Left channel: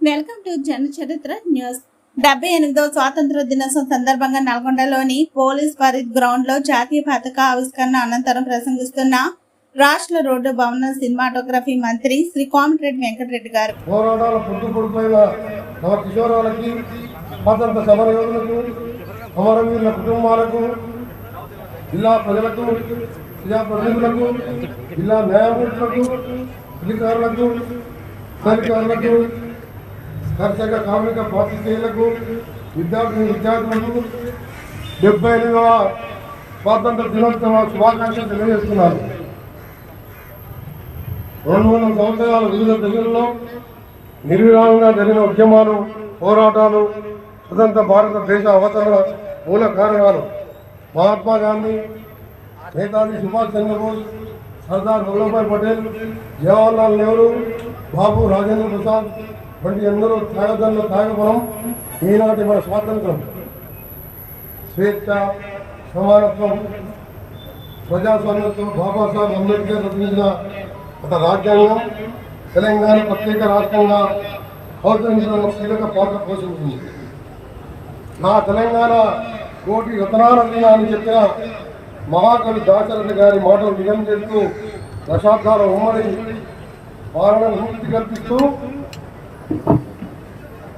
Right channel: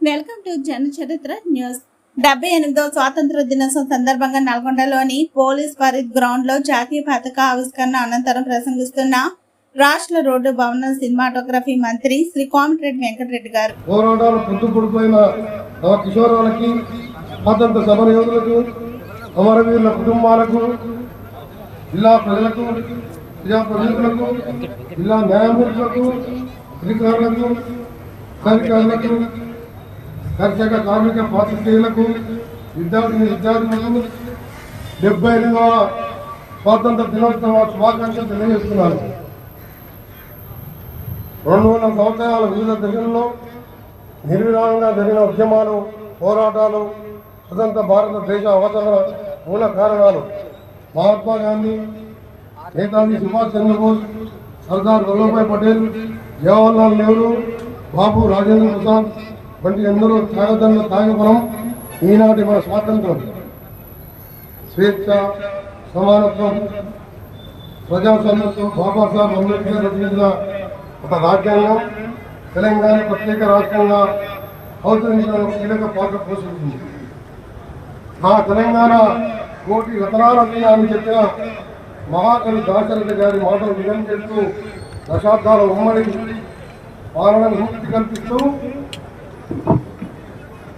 Welcome to జన చరిత్ర news. డెబ్బై ఎనిమిదో స్వాతంత్ర దినోత్సవం సందర్భంగా నల్గొండలోని పోలీస్ పరీద్ గ్రౌండ్లో జాతీయ పతాక ఆవిష్కరణ అనంతరం ప్రసంగిస్తున్న రాష్ట్ర రోడ్డు భవన సినిమాటోగ్రఫీ మంత్రి శ్రీ కోమటిరెడ్డి వెంకటరెడ్డి గారు. అమరవీరుల కుటుంబాలకు జిల్లా ప్రజలకు జిల్లా న్యాయమూర్తులకు అధికారులకు దర్శక కార్మిక పాత్రికేయులకు విద్యార్థి విద్యార్థులకు డెబ్బై ఎనిమిదవ స్వాతంత్ర దినోత్సవ శుభాకాంక్షలు తెలియజేస్తున్నారు. రెండు వందల సంవత్సరాల వివిధ దశల్లో నిర్విరామంగా జరిగిన ఉద్యమాలు పోరాటాలు స్వతంత్ర భారతదేశ అవతరణ మూల కారణాలు మహాత్మా గాంధీ నేతాజీ సుభాష్ చంద్రబోస్ సర్దార్ వల్లభాయ్ పటేల్ జవహర్లాల్ నెహ్రూ బాబు రాజేంద్ర ప్రసాద్ వంటి ఎందరో త్యాగదంలో త్యాగపురం ఈనాటి మన స్వాతంత్రం. స్వేచ్ఛ సమానత్వం ప్రజాస్వామ్యంతో బాబాసాహెబ్ అంబేద్కర్ రచించిన ఒక రాజ్యాంగం తెలంగాణ ప్రత్యేక రాష్ట్రంగా అవతరించడానికి కీలక పాత్ర పోషించింది. నా తెలంగాణ కోటి రతనాలని అని చెప్పిన మహాకవి దాశరథ గారి మాటలు నిజం చేస్తూ దశాబ్దాల ఉమ్మడి పాలన కల్పిస్తూ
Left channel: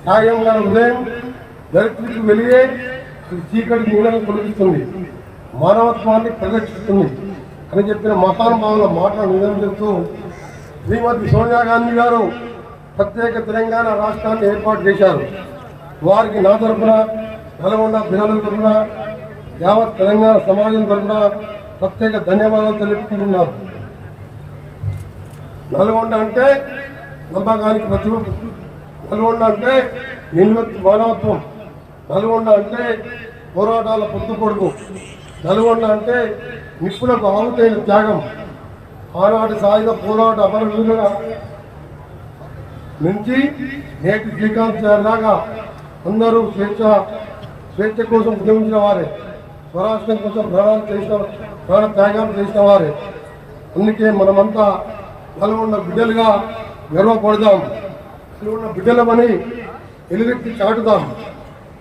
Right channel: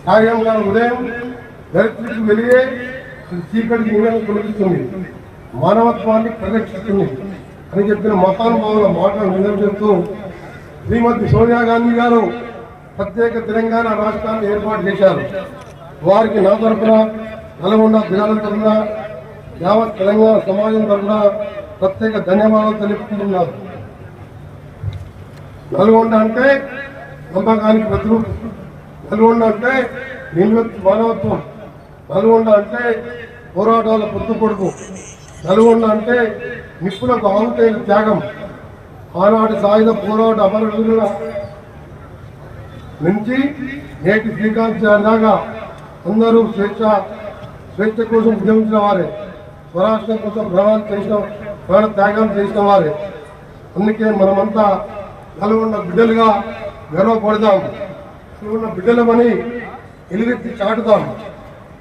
త్యాగం ఉదయం దళితులకు వెలిగే అది చీకటి నీడలు తొలగిస్తుంది. మానవత్వాన్ని పరిరక్షిస్తుంది అని చెప్పిన మతానుభావుల మాట నిజం చెప్తూ శ్రీమతి సోనియా గాంధీ గారు ప్రత్యేక తెలంగాణ రాష్ట్రాన్ని ఏర్పాటు చేశారు. వారికి నా తరఫున నల్గొండ దినాల తరఫున యావత్ తెలంగాణ సమాజం తరఫున ప్రత్యేక ధన్యవాదాలు తెలుపుకుంటున్నారు నల్గొండ అంటే నమ్మకానికి ప్రతిరూపం. నల్గొండ అంటే నిల్వెత్తు మానవత్వం. నల్గొండ అంటే పోరాటాల పొత్తుపొడుపు నల్గొండ అంటే నిప్పులకు ఆవుతైన త్యాగం. ఆనాటి సాయుధ పోరాట అమరవీరుల నుంచి నేటి శ్రీకాంత్యాగా అందరూ స్వేచ్ఛ స్వేచ్ఛ కోసం ఉద్యమించిన వారే. స్వరాష్ట్రం కోసం ప్రాణాలు చేసిన ప్రాణ త్యాగాలు చేసిన వారే. అందుకే మనమంతా నల్గొండ బిడ్డలుగా గర్వపడదాం. ఉన్న బిడ్డలమని ఎలివెత్తి చాటుదాం.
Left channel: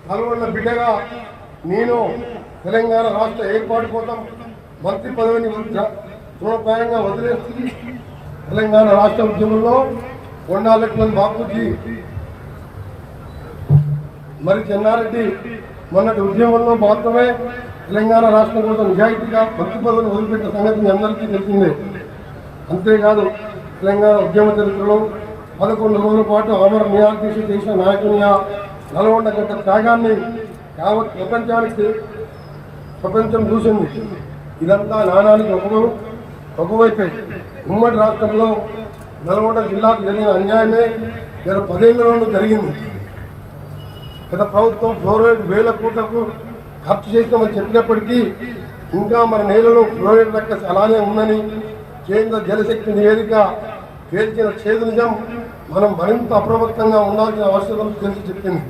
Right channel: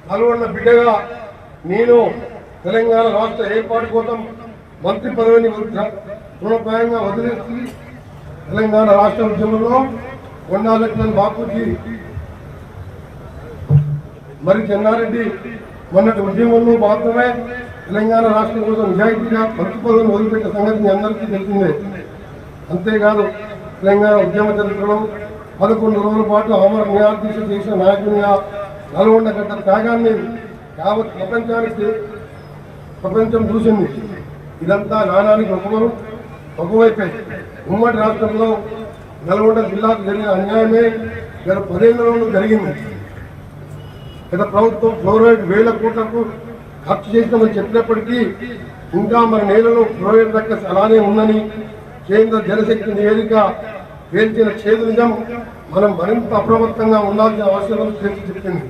నల్గొండ బిడ్డగా నేను తెలంగాణ రాష్ట్ర ఏర్పాటు కోసం మంత్రి పదవిని తృణప్రాయంగా వదిలేసి తెలంగాణ రాష్ట్ర ఉద్యమంలో కొండాలెట్ల బాపూజీ మరి చెన్నారెడ్డి మొన్నటి ఉద్యమంలో మాత్రమే తెలంగాణ రాష్ట్రం కోసం నిజాయితీగా మంత్రి పదవిని వదిలిపెట్టిన సంగతి మీ అందరికీ తెలిసిందే. అంతేకాదు తెలంగాణ ఉద్యమ చరిత్రలో పదకొండు రోజుల పాటు అమర నిరాదీక్ష చేసిన నాయకునిగా నల్గొండ గంట త్యాగాన్ని యావత్ ప్రపంచానికి ప్రపంచం చూసింది. ఇదంతా నాణానికి ఒక ఒకవైపే ఉమ్మడి రాష్ట్రంలో నల్గొండ జిల్లాకు జరిగిన అన్యాయమే గత పదేళ్ళలో జరిగింది. గత ప్రభుత్వం ఫ్లోరైడ్ వేల కోట్లకు ఖర్చు చేసినామని చెప్పినప్పటికీ ఇంకా మన నేలలో ఫ్లోరైడ్ లెక్క అలానే ఉందని కేంద్ర జలశక్తి నివేదిక తేల్చిన చేదు నిజం మనం మరింత అప్రమత్తంగా ఉండాల్సిన అవసరం తెలిసి చెప్పింది.